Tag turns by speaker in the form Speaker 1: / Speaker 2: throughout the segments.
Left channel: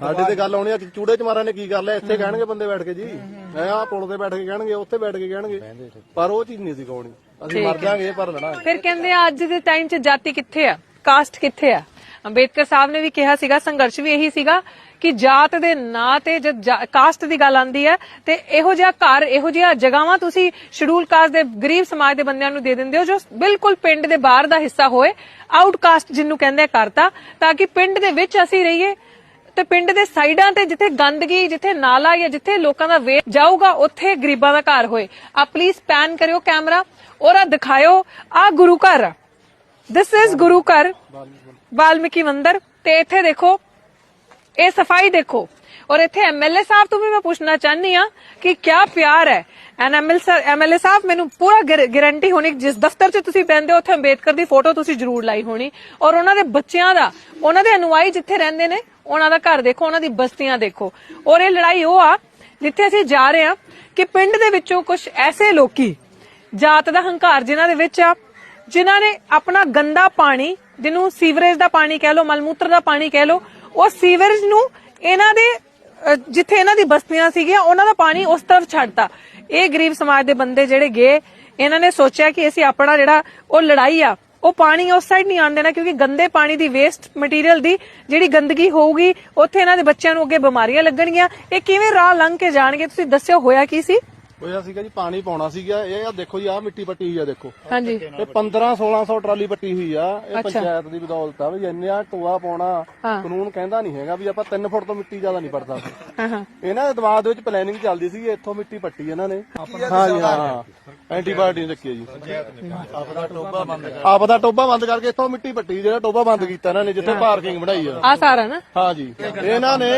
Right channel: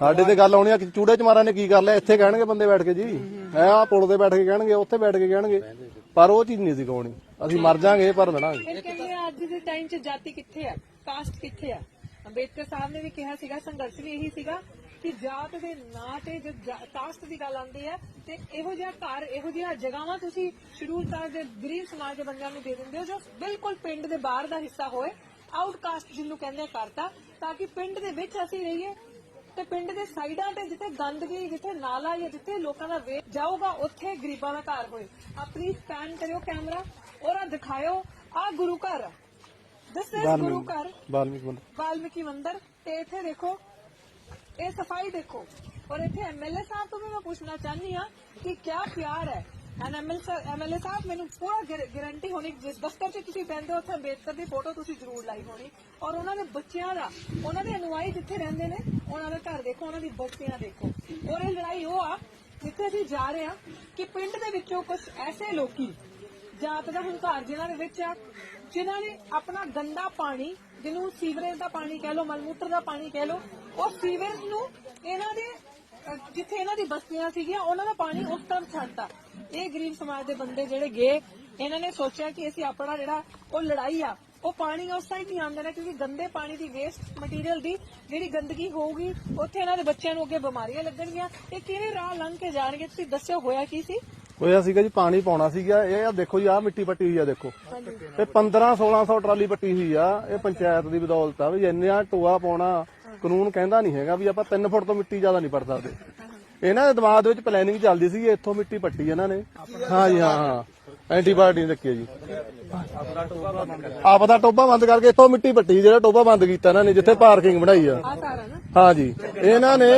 Speaker 1: ਸਾਡੇ ਤੇ ਗੱਲ ਆਉਣੀ ਆ ਕਿ ਚੂੜੇ ਚਮਾਰਾਂ ਨੇ ਕੀ ਕਰ ਲਿਆ? ਇੱਥੇ ਕਹਿਣਗੇ ਬੰਦੇ ਬੈਠ ਕੇ ਜੀ। ਐ ਆ ਪੁਲ ਤੇ ਬੈਠ ਕੇ ਕਹਿਣਗੇ ਉੱਥੇ ਬੈਠ ਕੇ ਕਹਿਣਗੇ। ਪਰ ਉਹ ਚੀਜ਼ ਨਹੀਂ ਸੀ ਕਹਾਉਣੀ ਅਸੀਂ ਮਰ ਜਾਾਂਗੇ ਪਰ ਲੜਾਂਗੇ।
Speaker 2: ਫਿਰ ਕਹਿੰਦੇ ਆ ਅੱਜ ਦੇ ਟਾਈਮ 'ਚ ਜਾਤੀ ਕਿੱਥੇ ਆ? ਕਾਸਟ ਕਿੱਥੇ ਆ? ਅੰਬੇਦਕਰ ਸਾਹਿਬ ਨੇ ਵੀ ਕਿਹਾ ਸੀਗਾ ਸੰਘਰਸ਼ ਵੀ ਇਹੀ ਸੀਗਾ ਕਿ ਜਾਤ ਦੇ ਨਾਂ ਤੇ ਜਦ ਕਾਸਟ ਦੀ ਗੱਲ ਆਂਦੀ ਹੈ ਤੇ ਇਹੋ ਜਿਹਾ ਘਰ ਇਹੋ ਜਿਹਾ ਜਗਾਵਾਂ ਤੁਸੀਂ ਸ਼ਡਿਊਲ ਕਾਸਟ ਦੇ ਗਰੀਬ ਸਮਾਜ ਦੇ ਬੰਦਿਆਂ ਨੂੰ ਦੇ ਦਿੰਦੇ ਹੋ ਜੋ ਬਿਲਕੁਲ ਪਿੰਡ ਦੇ ਬਾਹਰ ਦਾ ਹਿੱਸਾ ਹੋਏ ਆਊਟਕਾਸਟ ਜਿਹਨੂੰ ਕਹਿੰਦੇ ਆ ਕਰਤਾ ਤਾਂ ਕਿ ਪਿੰਡ ਦੇ ਵਿੱਚ ਅਸੀਂ ਰਹੀਏ। ਤੇ ਪਿੰਡ ਦੇ ਸਾਈਡਾਂ ਤੇ ਜਿੱਥੇ ਗੰਦਗੀ, ਜਿੱਥੇ ਨਾਲਾ ਜਾਂ ਜਿੱਥੇ ਲੋਕਾਂ ਦਾ ਵੇਟ ਜਾਊਗਾ, ਉੱਥੇ ਗਰੀਬਾਂ ਦਾ ਘਰ ਹੋਏ। ਆ ਪਲੀਜ਼ ਪੈਨ ਕਰਿਓ ਕੈਮਰਾ ਔਰ ਆ ਦਿਖਾਇਓ ਆ ਗੁਰੂ ਘਰ। ਦਿਸ ਇਜ਼ ਗੁਰੂ ਘਰ। ਵਾਲਮੀਕੀ ਮੰਦਿਰ। ਤੇ ਇੱਥੇ ਦੇਖੋ, ਇਹ ਸਫ਼ਾਈ ਦੇਖੋ। ਔਰ ਇੱਥੇ ਐਮਐਲਏ ਸਾਹਿਬ ਤੋਂ ਵੀ ਮੈਂ ਪੁੱਛਣਾ ਚਾਹਨੀ ਆ ਕਿ ਕਿਆ ਪਿਆਰ ਹੈ। ਐਨ ਐਮਐਲਏ ਸਾਹਿਬ ਮੈਨੂੰ ਪੂਰਾ ਗਾਰੰਟੀ ਹੋਣੀ ਜਿਸ ਦਫ਼ਤਰ 'ਚ ਤੁਸੀਂ ਬੈੰਦੇ ਹੋ ਉੱਥੇ ਅੰਬੇਦਕਰ ਦੀ ਫੋਟੋ ਤੁਸੀਂ ਜ਼ਰੂਰ ਲਾਈ ਹੋਣੀ। ਔਰ ਉਹਨਾਂ ਦੇ ਬੱਚਿਆਂ ਦਾ ਉਹਨਾਂ ਦੇ ਅਨੁਆਈ ਜਿੱਥੇ ਰਹਿੰਦੇ ਨੇ ਉਹਨਾਂ ਦਾ ਘਰ ਦੇਖੋ ਉਹਨਾਂ ਦੀ ਬਸਤੀਆਂ ਦੇਖੋ। ਔਰ ਇਹ ਲੜਾਈ ਉਹ ਆ ਜਿੱਥੇ ਅਸੀਂ ਜਾ ਰਹੇ ਹਾਂ ਕਿ ਪਿੰਡ ਦੇ ਵਿੱਚੋਂ ਕੁਝ ਐਸੇ ਲੋਕੀ ਜਾਤ ਦਾ ਹੰਕਾਰ ਜਿਨ੍ਹਾਂ ਦੇ ਵਿੱਚ ਆ ਜਿਨ੍ਹਾਂ ਨੇ ਆਪਣਾ ਗੰਦਾ ਪਾਣੀ ਜਿਹਨੂੰ ਸੀਵਰੇਜ ਦਾ ਪਾਣੀ ਕਹਿ ਲਓ ਮਲਮੂਤਰ ਦਾ ਪਾਣੀ ਕਹਿ ਲਓ ਉਹ ਸੀਵਰੇਜ ਨੂੰ ਇਹਨਾਂ ਦੇ ਅਹ, ਜਿੱਥੇ ਇਹਨਾਂ ਦੀ ਬਸਤੀਆਂ ਸੀਗੀਆਂ ਉਹਨਾਂ ਦਾ ਪਾਣੀ ਉਸ ਤਰਫ ਛੱਡਤਾ। ਇਹ ਗਰੀਬ ਸਮਾਜ ਦੇ ਬੰਦੇ ਜਿਹੜੇ ਗਏ, ਇਹਨਾਂ ਨੇ ਸੋਚਿਆ ਕਿ ਅਸੀਂ ਆਪਣਾ ਜਿਹੜਾ ਉਹ ਲੜਾਈ ਆ, ਉਹ ਪਾਣੀ ਉਸ ਸਾਈਡ ਨਹੀਂ ਆਣ ਦੇਣਾ ਕਿਉਂਕਿ ਗੰਦੇ ਪਾਣੀ ਦੀ ਵੇਸਟ ਮਟੀਰੀਅਲ ਦੀ ਜਿਹੜੀ ਗੰਦਗੀ ਹੋਊਗੀ, ਉੱਥੇ ਇਹਨਾਂ ਦੇ ਬੱਚਿਆਂ ਨੂੰ ਅੱਗੇ ਬਿਮਾਰੀਆਂ ਲੱਗਣਗੀਆਂ। ਇਹ ਕਿਵੇਂ ਰਾਹ ਲੰਘ ਕੇ ਜਾਣਗੇ? ਤੁਸੀਂ ਦੱਸਿਓ ਹੋਇਆ ਕੀ ਸੀ?
Speaker 1: ਹੋਇਆ ਸੀਗਾ ਜੀ ਪਾਣੀ ਪਾਉਣਾ ਸੀਗਾ ਇਹ ਆ ਦੇਖੋ ਜੀ ਆ ਮਿੱਟੀ ਪੱਟੀ ਹੋਈ ਆ ਦੇਖੋ।
Speaker 2: ਹਾਂਜੀ।
Speaker 1: ਇਹ 15 1600 ਟਰਾਲੀ ਪੱਟੀ ਹੋਈ ਆ ਇਹ ਪੰਚਾਇਤ ਦੀ ਬਦੌਲਤ ਆ ਵੀ ਇੰਨਾ ਟੋਆ ਪਾਉਣਾ ਕਾਨੂੰਨ ਕਹਿੰਦਾ ਨਹੀਂ ਹੈਗਾ ਵੀ ਆਪਾਂ 3 ਫੁੱਟ ਤੋਂ ਮਿੱਟੀ ਜ਼ਿਆਦਾ ਨਹੀਂ ਪੜਦਾ
Speaker 2: ਹਾਂ ਹਾਂ।
Speaker 1: ਇਹਨਾਂ ਦੇ ਦਿਮਾਗ ਦੇ ਵਿੱਚ ਪਲੈਨਿੰਗ ਚੱਲਦੀ ਸੀ ਇੱਥੋਂ ਮਿੱਟੀ ਪੱਟੀ ਇਹਨਾਂ ਨੇ। ਹਾਂ ਜੀ ਹਾਂ। ਐਂਟੀਬਾਇਓਟਿਕ ਰੱਖੀ ਹੈ ਜੀ। ਆਪਦਾ ਟੋਬਾ ਬੰਦ ਕਰ ਆਪਦਾ ਟੋਬਾ ਬੰਦ ਕਰਕੇ ਇੱਥੋਂ ਮਿੱਟੀ ਪੱਟੀ ਜਿਹੜਾ ਟੋਬਾ ਬੰਦ ਕੀਤਾ ਇਹਨਾਂ ਨੇ ਜਿੱਥੇ ਪਾਰਕਿੰਗ ਬਣਾਈ ਆ।
Speaker 2: ਆ ਸਾਰਾ ਨਾ?
Speaker 1: ਹਾਂ ਜੀ। ਇਹਨਾਂ ਨੇ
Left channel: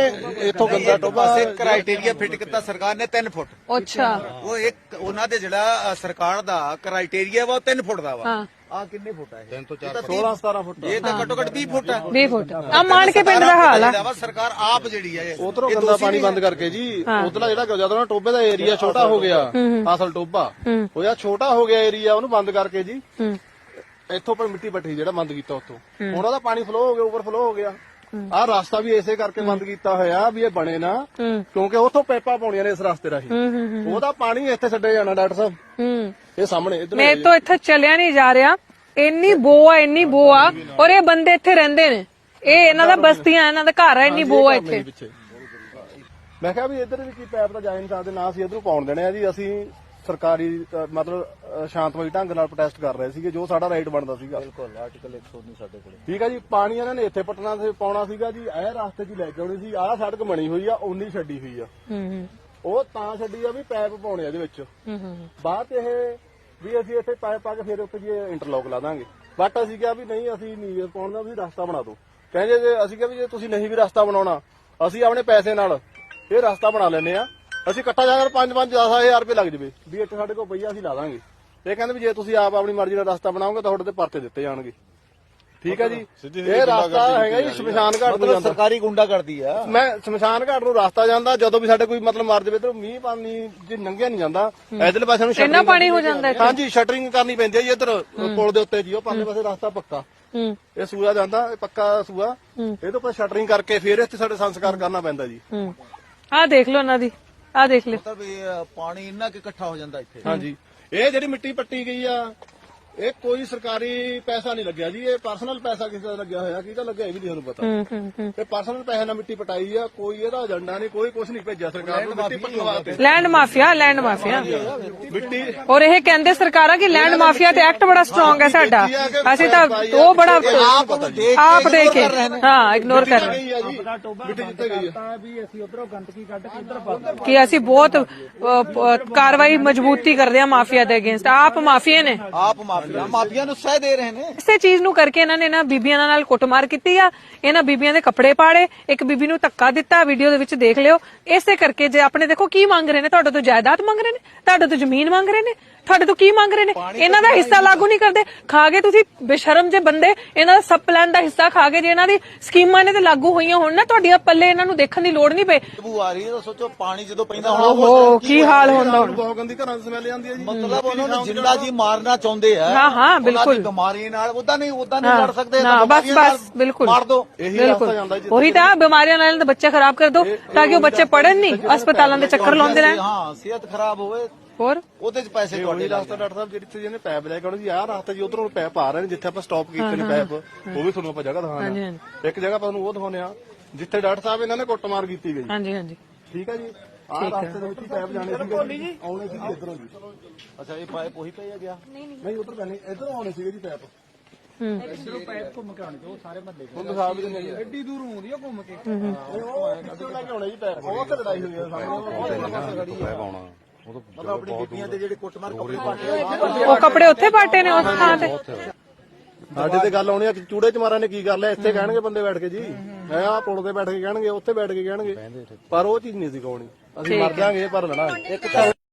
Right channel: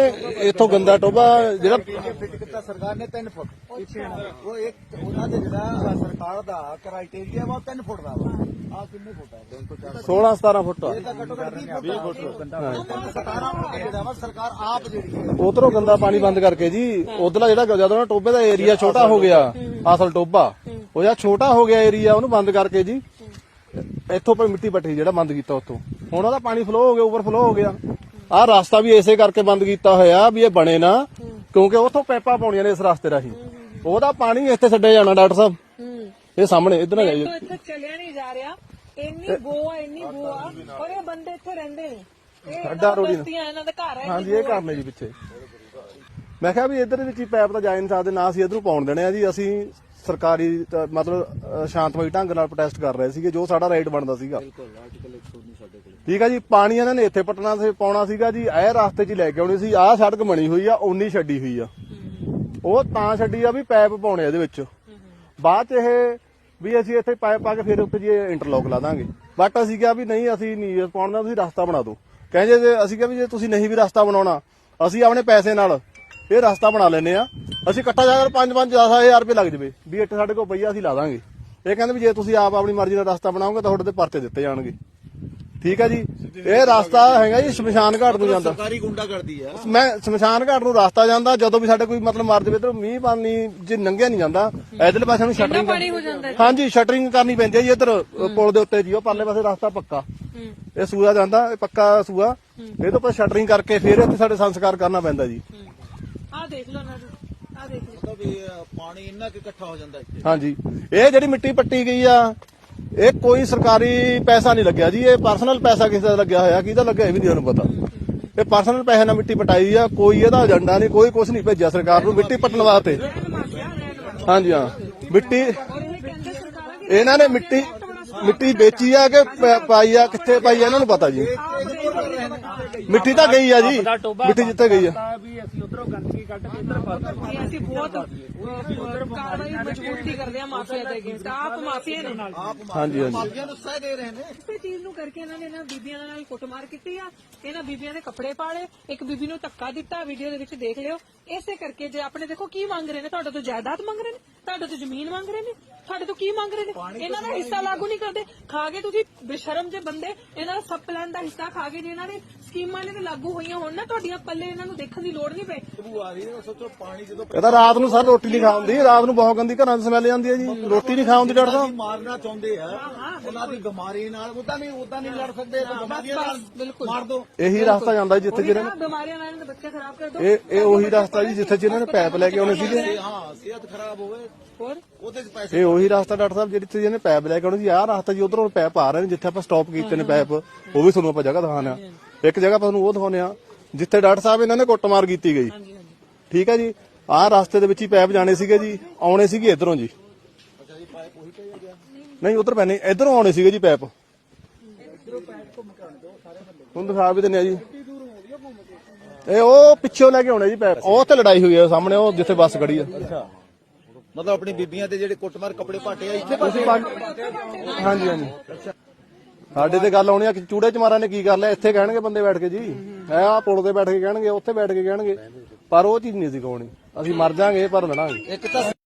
Speaker 1: ਇੱਥੋਂ ਗੰਦਾ ਟੋਬਾ
Speaker 3: ਕ੍ਰਾਈਟੇਰੀਆ ਫਿੱਟ ਕੀਤਾ ਸਰਕਾਰ ਨੇ 3 ਫੁੱਟ।
Speaker 2: ਅੱਛਾ।
Speaker 3: ਉਹ ਇੱਕ ਉਹਨਾਂ ਦੇ ਜਿਹੜਾ ਸਰਕਾਰ ਦਾ ਕ੍ਰਾਈਟੇਰੀਆ ਵਾ ਉਹ 3 ਫੁੱਟ ਦਾ ਵਾ।
Speaker 2: ਹਾਂ।
Speaker 3: ਆ ਕਿੰਨੇ ਫੁੱਟ ਹੈ 3 ਤੋਂ
Speaker 1: 16 17 ਫੁੱਟ।
Speaker 3: ਇਹ ਤਾਂ ਘੱਟੋ ਘੱਟ 20 ਫੁੱਟ ਹੈ
Speaker 2: 20 ਫੁੱਟ। ਆ ਮਾਣ ਕੇ ਪਿੰਡ ਦਾ ਹਾਲ ਆ।
Speaker 3: ਵਾ ਸਰਕਾਰ ਆਪ ਜਿਹੜੀ ਹੈ ਇਹ-
Speaker 1: ਉਧਰੋਂ ਗੰਦਾ ਪਾਣੀ ਬੰਦ ਕਰਕੇ ਜੀ ਉਧਰਲਾ ਜਿਹੜਾ ਜਦੋਂ ਨਾ ਟੋਬੇ ਦਾ ਏਰੀਆ ਛੋਟਾ ਹੋ ਗਿਆ ਅਸਲ ਟੋਬਾ ਉਹ ਜਾਂ ਛੋਟਾ ਹੋ ਗਿਆ ਏਰੀਆ ਉਹਨੂੰ ਬੰਦ ਕਰਕੇ ਜੀ। ਇੱਥੋਂ ਪਰ ਮਿੱਟੀ ਪੱਟੀ ਜਿਹੜਾ ਬੰਦ ਕੀਤਾ ਉੱਥੋਂ। ਉਹਨਾਂ ਦਾ ਪਾਣੀ ਫਲੋ ਹੋ ਗਿਆ ਓਵਰਫਲੋ ਹੋ ਗਿਆ। ਆਹ ਰਸਤਾ ਵੀ ਇਸੇ ਕਰਕੇ ਬੰਦ ਕੀਤਾ ਹੋਇਆ ਵੀ ਇਹ ਬਣੇ ਨਾ ਕਿਉਂਕਿ ਉੱਥੋਂ ਪੈਪਾਂ ਪਾਉਣੀਆਂ ਨੇ ਇਸ ਰਸਤੇ ਰਾਹੀਂ। ਉਹਦਾ ਪਾਣੀ ਇੱਥੇ ਛੱਡਿਆ ਜਾਣਾ ਡਾਕਟਰ ਸਾਹਿਬ। ਇਹ ਸਾਹਮਣੇ ਇਧਰ
Speaker 2: ਮੈਂ ਤੋਂ ਇੱਥੇ ਚੱਲਿਆ ਨਹੀਂ ਜਾ ਰਿਹਾ। ਇੰਨੀ ਬੋ ਆ ਇੰਨੀ ਬੋ ਆ ਔਰ ਇਹ ਬੰਦੇ ਇੱਥੇ ਰਹਿੰਦੇ ਨੇ। ਇਹ ਇਹਨਾਂ ਦਾ ਬਸਤੀਆਂ ਇਹਨਾਂ ਦਾ ਘਰ ਆ ਇੰਨੀ ਬੋ ਆ ਇੱਥੇ।
Speaker 1: ਮੈਂ ਕਿਹਾ ਵੀ ਇਧਰ ਵਿੱਚ ਹੀ ਪੈਪ ਤਾਂ ਜਾ ਨਹੀਂ ਸਕਦੇ ਨਾ ਅਸੀਂ ਇਧਰੋਂ ਪਾਉਣ ਦੇਣੇ ਆ ਜੀ ਅਸੀਂ ਸਰਕਾਰੀ ਤਾਂ ਮਤਲਬ ਅ, ਸ਼ਾਂਤਮਈ ਢੰਗ ਨਾਲ ਪ੍ਰੋਟੈਸਟ ਕਰ ਰਹੇ ਸੀਗੇ ਜੋ ਸਾਡਾ ਰਾਈਟ ਬਣਦਾ ਸੀਗਾ। ਬਿਲਕੁਲ ਆਰਟੀਕਲ 119 ਸਾਡੇ ਕੋਲ। ਠੀਕ ਆ ਜੀ ਪਾਣੀ ਇਹਨਾਂ ਨੇ ਇੱਥੇ ਪਟਣਾ ਸੀ ਪਾਉਣਾ ਸੀਗਾ ਜੀ ਇਹ ਰਸਤੇ 'ਚ ਹੀ ਲੈ ਕੇ ਆਉਣੀ ਸੀ ਆਹ ਸੜਕ ਬਣੀ ਹੋਈ ਆ ਉਨੀ ਛੱਡੀ ਹੋਈ ਆ। ਉਹ ਤਾਂ ਛੱਡੀ ਆ ਵੀ ਪੈਪ ਪਾਉਣੇ ਇਹਦੇ ਵਿੱਚ। ਬਾਅਦ 'ਚ ਇਹ ਵੀ ਅਸੀਂ ਇੱਥੇ ਪਾਈਪ ਪਾ ਕੇ ਫਿਰ ਉੱਤੇ ਜੀ ਇੰਟਰਲੌਕ ਲਾ ਦਾਂਗੇ। ਬਟ ਅਸੀਂ ਕਿਹਾ ਵੀ ਨਹੀਂ ਅਸੀਂ ਨਹੀਂ ਇਹ ਪਾਉਣਾ ਤੁਸੀਂ ਰਸਤਾ ਬਣਾ ਦਿਓ। ਕਹਿੰਦੇ ਜੇ ਅਸੀਂ ਕਿਹਾ ਵੀ ਜੇ ਤੁਸੀਂ ਨਹੀਂ ਵੀ ਰਸਤਾ ਬਣਾਉਣਾ ਅਸੀਂ ਆਪਣੇ ਪੈਸੇ ਨਾਲ ਇਹ ਰਸਤਾ ਬਣਾ ਲੈਨੇ ਆ। ਅਸੀਂ ਇਕੱਠਾ ਜਾ ਕੇ 5 5 10000 ਰੁਪਏ ਲੱਗ ਜਵੇ। ਵੀ ਇੱਥੇ ਸਾਡੇ ਕੋਲ ਪਈਆ ਅਸੀਂ ਲਾ ਦਾਂਗੇ। ਇਹ ਕਹਿੰਦੇ ਵੀ ਜੇ ਤੁਸੀਂ ਆਪ ਆਪਣੀ ਮਰਜ਼ੀ ਨਾਲ ਰਸਤਾ ਬਣਾਓਗੇ ਤਾਂ ਤੁਹਾਡੇ ਤੇ ਪਰਚੇ ਦਿੱਤੇ ਜਾਣਗੇ। ਠੀਕ ਹੈ ਜੀ? ਇਹ ਰਸਤਾ ਹੈਗਾ ਜੀ ਸ਼ਮਸ਼ਾਨ ਘਾਟ ਨੂੰ ਜਾਂਦਾ।
Speaker 3: ਸਰਕਾਰੀ ਗੁੰਡਾ ਕਰਦੀ ਆ।
Speaker 1: ਮੈਂ ਸ਼ਮਸ਼ਾਨ ਘਾਟ ਨੂੰ ਰਸਤਾ ਜਾਂਦਾ ਜਦੋਂ ਵੀ ਸਾਡੇ ਕੋਈ ਮਤਲਬ ਮਰ ਜਾਵੇ ਤਾਂ ਮੀਂਹ ਪਾਣੀ ਜੇ ਨੰਗਿਆ ਨਹੀਂ ਜਾਂਦਾ ਇਧਰਲੇ ਪਾਸੇ ਨੂੰ
Speaker 2: ਇੰਨਾ ਪਾਣੀ ਹੋ ਜਾਂਦਾ ਇੱਥੇ?
Speaker 1: ਹਾਂਜੀ ਸ਼ਟਰਿੰਗ ਕਰਨੀ ਪੈਂਦੀ ਹੈ ਜੀ ਇੱਧਰ ਪੁਲ ਦੇ ਉੱਤੇ ਜੀ ਉਹ ਪਰਲੇ ਪਾਸੇ ਰਸਤਾ ਪੱਕਾ।
Speaker 2: ਹੂੰ।
Speaker 1: ਇਹ ਸੂਆ ਜਾਂਦਾ ਇਹ ਪੱਕਾ ਸੂਆ। ਇਹ ਤੋਂ ਪਰ ਸ਼ਟਰਿੰਗ ਕਰਕੇ ਫਿਰ ਇੱਥੇ ਸਾਡੇ ਸੰਸਕਾਰ ਕਰਨਾ ਪੈਂਦਾ ਜੀ।
Speaker 2: ਹੂੰ। ਆ ਦੇਖ ਲਓ ਇਹਨਾਂ ਦੀ। ਆ ਦੇਖ ਲਿਓ।
Speaker 3: ਵੀ ਅ, ਪਾਣੀ ਇੰਨਾ ਕਿ ਇਕੱਠਾ ਹੋ ਜਾਂਦਾ ਇੱਥੇ।
Speaker 1: ਹਾਂਜੀ। ਇਹ ਜਿਹੜੀ ਮਿੱਟੀ ਪੱਟੀ ਗਈ ਆ ਇਹ ਕੋਈ ਸਰਕਾਰੀ ਪੈਸਾ ਨਹੀਂ ਲੱਗਿਆ ਜੀ ਇਹ ਪਰਸਨਲ ਪੈਸਾ ਕਿਸੇ ਦਾ ਲੱਗਿਆ ਹੋਇਆ ਕਿਹਦਾ ਲੱਗਿਆ ਇਹ ਵੀ ਨਹੀਂ ਉਹਨੂੰ ਪਤਾ। ਇਹ ਪਰਸਨਲ ਪੈਸੇ ਨਾਲ ਮਿੱਟੀ ਪਟਾਈ ਆ ਕੋਈ ਇਹਦਾ ਏਜੰਡਾ ਨਹੀਂ ਕੋਈ ਕੁਝ ਨਹੀਂ ਭੇਜਿਆ ਸਰਕਾਰ ਨੂੰ ਮਿੱਟੀ ਪੱਟਣ ਵਾਸਤੇ।
Speaker 2: ਲੈਂਡ ਮਾਫੀਆ ਲੈਂਡ ਮਾਫੀਆ
Speaker 1: ਹਾਂਜੀ ਹਾਂ। ਮਿੱਟੀ
Speaker 2: ਔਰ ਇਹ ਕਹਿੰਦੇ ਸਰਕਾਰਾਂ ਕਿ ਲੈਂਡ ਮਾਫੀਆ ਤੇ
Speaker 1: ਮਿੱਟੀ-
Speaker 2: ਐਕਟ ਬੜਾ ਸਟਰੋਂਗ ਹੈ
Speaker 1: ਮਿੱਟੀ
Speaker 2: ਸਾਡਾ। ਅਸੀਂ ਤਾਂ ਉਹ ਬੜਾ
Speaker 1: ਪਤਾ ਜੀ।
Speaker 2: ਆਪ ਦੇ ਕੇ। ਹਾਂ ਇਗਨੋਰ
Speaker 1: ਮਿੱਟੀ
Speaker 2: ਕਰ
Speaker 1: ਤਾਂ ਗਈ ਆ ਜੀ। ਮਿੱਟੀ ਜਿੱਥੇ ਗਈ ਆ।
Speaker 2: ਕਿ ਅਸੀਂ ਬਹੁਤ ਕਾਰਵਾਈ ਮਜ਼ਬੂਤੀ ਕਰਦੇ ਆ ਮਾਫੀਆ ਦੇ ਅਗੇਂਸਟ ਆਪ ਮਾਫੀਆ ਨੇ।
Speaker 3: ਆਪ ਮਾਫੀਆ ਮਾਫੀਆ ਨੂੰ ਸਹਿ ਦੇ ਰਹੇ ਨੇ।
Speaker 2: ਇਸੇ ਚੀਜ਼ ਨੂੰ ਕਰਕੇ ਇਹਨਾਂ ਨੇ ਨਾ ਬੀਬੀਆਂ ਨਾਲ ਕੁੱਟਮਾਰ ਕੀਤੀ ਆ। ਇਹਨਾਂ ਬੀਬੀਆਂ ਦੇ ਕੱਪੜੇ ਪਾੜੇ ਇੱਕ ਬੀਬੀ ਨੂੰ ਧੱਕਾ ਦਿੱਤਾ ਵੀਡੀਓ ਦੇ ਵਿੱਚ ਦੇਖ ਲਿਓ। ਇਸੇ ਕਰਕੇ ਜੇ ਆਪਣੇ ਦੇਖੋ ਕੀ ਮੰਗ ਰਹੇ ਨੇ ਤੁਹਾਡੇ ਤੋਂ ਜਾਇਦਾਦ ਮੰਗ ਰਹੇ ਨੇ ਤੁਹਾਡੇ ਤੋਂ ਜ਼ਮੀਨ ਮੰਗ ਰਹੇ ਨੇ ਤੁਹਾਡੇ ਤੋਂ ਕੀ ਮੰਗ ਰਹੇ ਨੇ? ਇਹਨਾਂ ਦਾ ਹਿੱਸਾ ਲਾਗੂ ਨਹੀਂ ਕਰਦੇ। ਖਾ ਗਏ ਤੁਸੀਂ ਬੇਸ਼ਰਮ ਜੇ ਬੰਦੇ ਇਹਨਾਂ ਦਾ ਸਬ ਪਲਾਨ ਦਾ ਹਿੱਸਾ ਖਾ ਗਏ ਜੇ ਇਹਨਾਂ ਦੀ ਸਕੀਮਾਂ ਨੇ ਤੇ ਲਾਗੂ ਹੋਈਆਂ ਹੋਣ ਨਾ ਤੁਹਾਡੀਆਂ ਪੱਲੇ ਇਹਨਾਂ ਨੂੰ ਦੇਖਣ ਦੀ ਲੋੜ ਨਹੀਂ ਪਈ।
Speaker 3: ਬੂ ਆ ਰਹੀ ਹੈ ਤਾਂ ਸੋਚੋ ਪਾਣੀ ਜਦੋਂ
Speaker 1: ਇਹਦਾ ਰਾਤ ਨੂੰ ਸਾਨੂੰ ਰੋਟੀ
Speaker 2: ਕੀ ਹਾਲ
Speaker 1: ਖਾਂਦੇ, ਰਾਤ ਨੂੰ ਬਹੁਤ ਗੰਦੀ ਘਰਾਂ ਦੀ ਸਮੈਲ ਆਉਂਦੀ ਹੈ ਜੀ। ਰੋਟੀ ਨਹੀਂ ਖਾਉਂਦੀ
Speaker 3: ਜਿਹੜਾ
Speaker 1: ਡਾਕਟਰ
Speaker 3: ਜੀ ਮਾਰਨਾ ਚਾਹੁੰਦੇ ਆ।
Speaker 2: ਹਾਂ, ਹਾਂ, ਬਿਲਕੁਲ।
Speaker 3: ਬਿਮਾਰੀ ਨਾਲ ਉਹਦਾ ਨਹੀਂ ਉਹਦਾ ਨਹੀਂ
Speaker 2: ਹਾਂ,
Speaker 3: ਲੜ ਸਕਦੇ
Speaker 2: ਨਾ,
Speaker 3: ਤਾਂ
Speaker 2: ਬਸ
Speaker 3: ਬਿਮਾਰੀਆਂ ਨਾਲ
Speaker 2: ਬਸ ਬਿਲਕੁਲ।
Speaker 3: ਮਾਰ ਦੋ
Speaker 1: ਇਹੀ ਰਸਤਾ ਜਾਂਦਾ ਜੀ
Speaker 2: ਉਹੀ ਤਾਂ ਬਿਮਾਰੀਆਂ ਨਾਲ ਤਾਂ ਬੱਚੇ ਖਰਾਬ ਕਰ ਦੋ ਤਾਂ ਕਿ ਉਹ ਬੱਚੇ ਪੜਨ ਨਹੀਂ ਹਸਪਤਾਲਾਂ ਦੇ ਚੱਕਰ ਲਾਉਂਦੇ ਰਹਿਣ।
Speaker 3: ਹਾਂ ਸਿਹਤ ਖਰਾਬ ਹੋਵੇ
Speaker 2: ਹੋਰ?
Speaker 3: ਉਹਦੇ ਚ ਪੈਸੇ
Speaker 1: ਇਹ ਉਹੀ ਰਸਤਾ ਡਾਕਟਰ ਸਾਹਿਬ ਜਿਹੜੀ ਤੁਸੀਂ ਇਹਨੇ ਪੈਪ ਲੈ ਕੇ ਆਉਣਾ ਜੀ ਆਹ ਰਸਤਾ ਜੀ ਉਧਰੋਂ ਪੈਪ ਆ ਰਹੇ ਨੇ ਜਿੱਥੇ ਆਪਾਂ ਸਟਾਪ ਕੀਤੇ ਨੇ ਪੈਪ ਉਹ ਵੀ ਤੁਹਾਨੂੰ ਆਪਾਂ ਜਗ੍ਹਾ ਦਿਖਾਉਂਦੇ ਆ ਇੱਕ ਜਗ੍ਹਾ ਆਪਾਂ ਤੁਹਾਨੂੰ ਉਹ ਦਿਖਾਉਂਦੇ ਆ ਜਿੱਥੇ ਡਾਕਟਰ ਸਾਹਿਬ ਇਹਨਾਂ ਨੇ ਕੁੱਟਮਾਰ ਕੀਤੀ ਗਈ।
Speaker 2: ਹਾਂਜੀ ਹਾਂਜੀ।
Speaker 1: ਠੀਕ ਹੈ ਜੀ? ਆਹ ਰਸਤੇ ਦੇ ਵਿੱਚ ਹੀ ਪੈਪ ਜਾਣੇ ਸੀਗੇ ਜੀ ਆਉਣੇ ਸੀਗੇ ਇਧਰੋਂ ਜੀ।
Speaker 3: ਅੱਛਾ ਇਹ ਪਾਈਪ ਉਹੀ ਪਈ ਗਿਆ?
Speaker 1: ਨਹੀਂ ਉਧਰ ਪੈਣੇ ਇਧਰੋਂ ਆਉਣੇ ਸੀਗੇ ਜੀ ਪੈਪ।
Speaker 2: ਹੂੰ
Speaker 1: ਹੁਣ ਦਿਖਾ ਵੀ ਦਿੰਦੇ ਆ ਜੀ। ਐਡੀ ਦੂਰ ਆਉਂਦੀ ਆ ਘੁੰਮ ਕੇ। ਇਹ ਉਹ ਪਿੱਛੋਂ ਲੈ ਕੇ ਆਉਣੇ ਜੀ ਪੈਪ ਉਹ ਤੇ ਲੜਾਈ ਹੋਈ ਆ ਸਾਹਮਣੇ ਉਹ ਜਿੱਥੇ ਬੱਸ ਖੜੀ ਆ।
Speaker 3: ਮਤਲਬ ਆਪਣੀ ਬੀਬੀਆਂ ਤੇ ਜਿਹੜੇ ਕੁੱਟਮਾਰ ਕੱਪੜੇ ਪਾਟੇ
Speaker 2: ਉਹ ਕੱਪੜੇ ਉੱਥੇ ਪਾਟੇ ਨੇ ਉਸ ਥਾਂ ਤੇ।
Speaker 1: ਸਾਡੇ ਤੇ ਗੱਲ ਆਉਣੀ ਆ ਕਿ ਚੂੜੇ ਚਮਾਰਾਂ ਨੇ ਕੀ ਕਰ ਲਿਆ? ਇੱਥੇ ਕਹਿਣਗੇ ਬੰਦੇ ਬੈਠ ਕੇ ਜੀ। ਐ ਆ ਪੁਲ ਤੇ ਬੈਠ ਕੇ ਕਹਿਣਗੇ ਉੱਥੇ ਬੈਠ ਕੇ ਕਹਿਣਗੇ। ਪਰ ਉਹ ਚੀਜ਼ ਨਹੀਂ ਸੀ ਕਹਾਉਣੀ ਅਸੀਂ ਮਰ ਜਾਾਂਗੇ ਪਰ ਲੜਾਂਗੇ।
Speaker 3: ਇੱਕ ਤਾਂ